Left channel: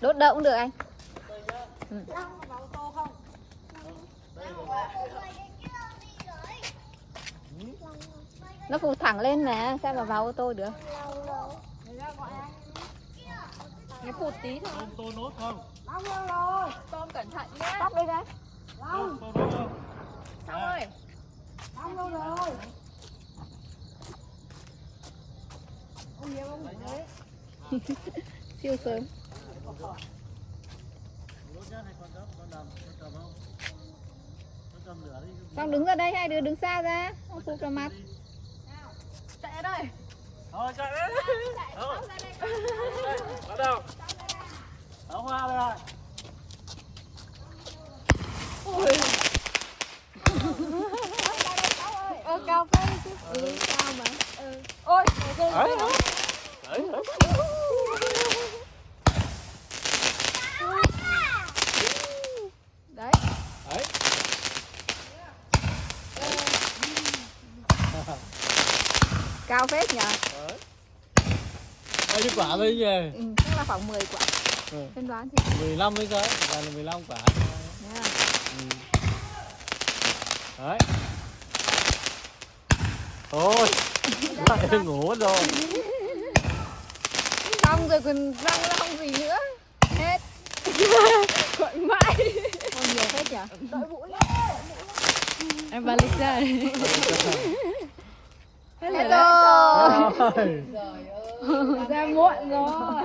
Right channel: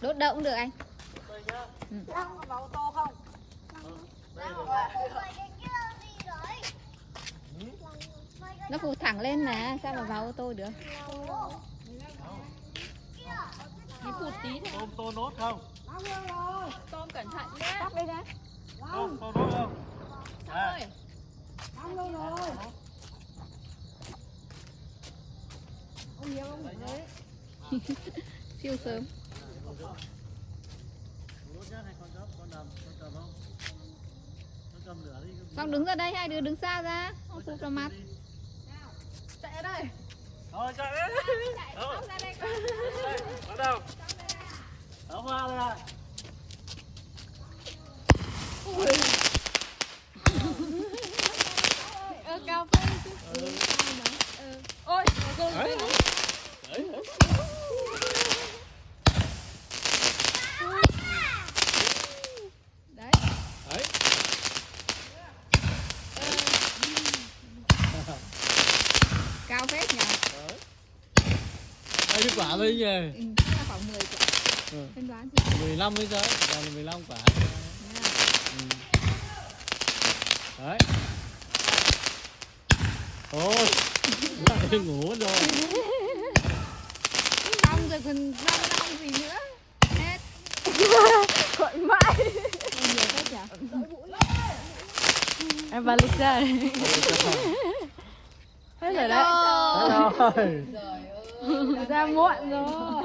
Đốt đâu cũng được anh. Ừ. Nó phụt thẳng lên mà, sao mà vào ô tô được. Nó phụt tí thôi. Tô nốt không? Tôm cẩn thận nhé. Tóc đây ra. Tô nốt không? Xong rồi. Siêu sớm. Xong đứng ra đây, hai đứa đứng xa ra, không phụt vào mặt. Chạy đây. Thôi chạy đấy. Bắt đầu. Áo hoa đây. Ôi. Cao quá chứ. Cao mà. Ôi, rồi. Đấy. Đấy. Cao phết nhỉ. Đây cái quả đây nhỉ? Chắc là khoảng 10 quả. Em đoán thì 15 hay sao? Là 15 quả. Đấy. Ôi. Lại ngủ mất rồi. xong rồi còn răng ra không gì nữa. Hết. Gọi mãi. Không nhiều phết nhỉ. Em vào lịch ra. Hết rồi đấy. Rồi. Ra muộn rồi.